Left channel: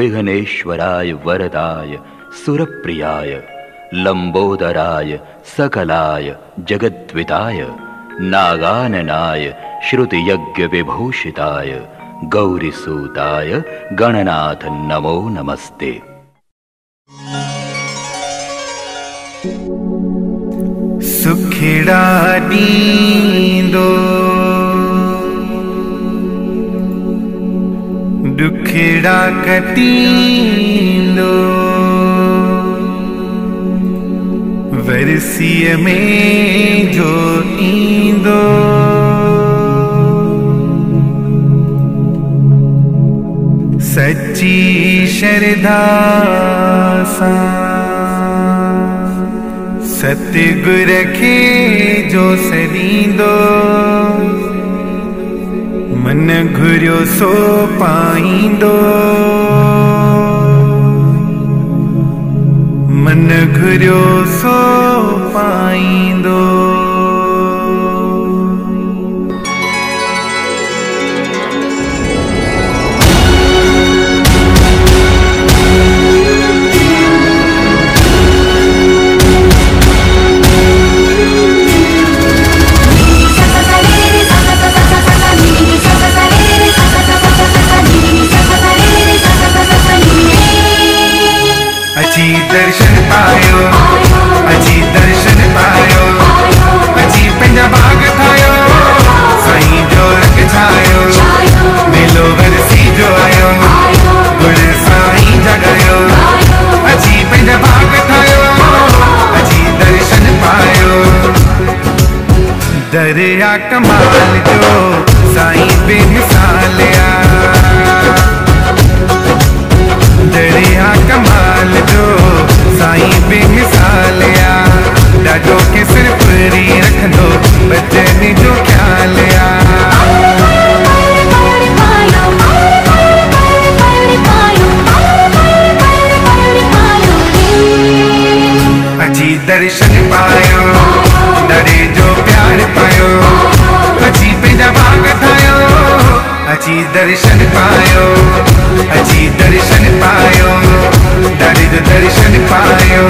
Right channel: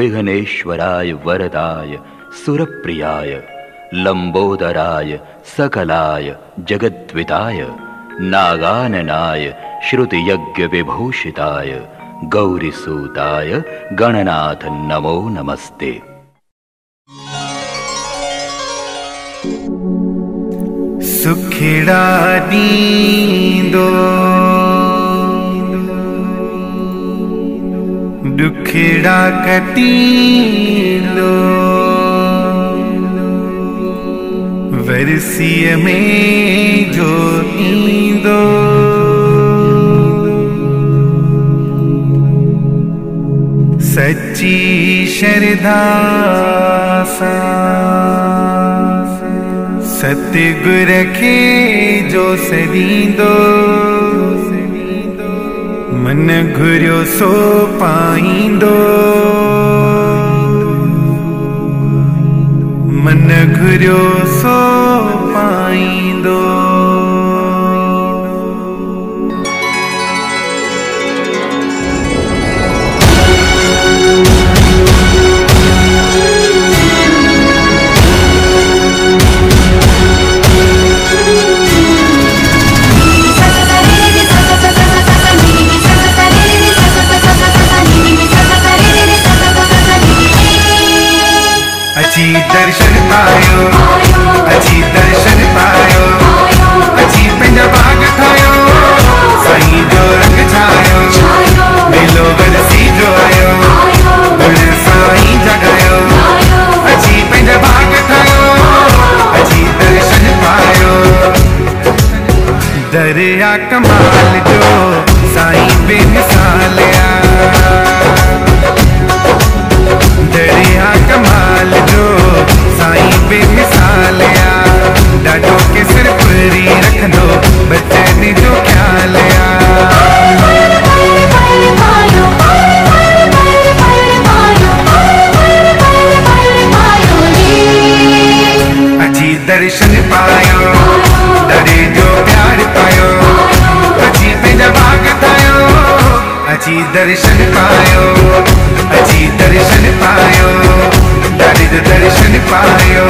विघ्नेश्वराय वरदाय सुरप्रियाय लंबोदराय सकलाय जगद्विताय नागाननाय श्रुतियज्ञ विभूषिताय गौरीसूताय गणनाथ नमो नमस्ते। सुखिड़ा दींदो दुखिड़ा कटींदो वरसीअ में जो ईंदो सच्ची श्रद्धा सां सतगुर खे जो सॾींदो मन घुरियो सो पाईंदो मन घुरियो सो पाईंदो। अची दर्शन पायो अची दर्शन पायो अची पंहिंजा बाग ठाहियो साईं जो रंग छायो मेलो वरसी जो आयो गुण साईं जगायो अची पंहिंजा बाग ठाहियो अची दर्शन पायो दरिया कमाल जो साईं बेमिसाल आ दरिया कमाल जो साईं बेमिसाल आ ॾाढो केसर पूरी रखंदो बचन जो ख्याल आ अची दर्शन पायो दरे जो प्यार पायो अची पंहिंजा बाग ठाहियो अची दर्शन पायो अची दर्शन पायो दरे जो दर्शन पायो।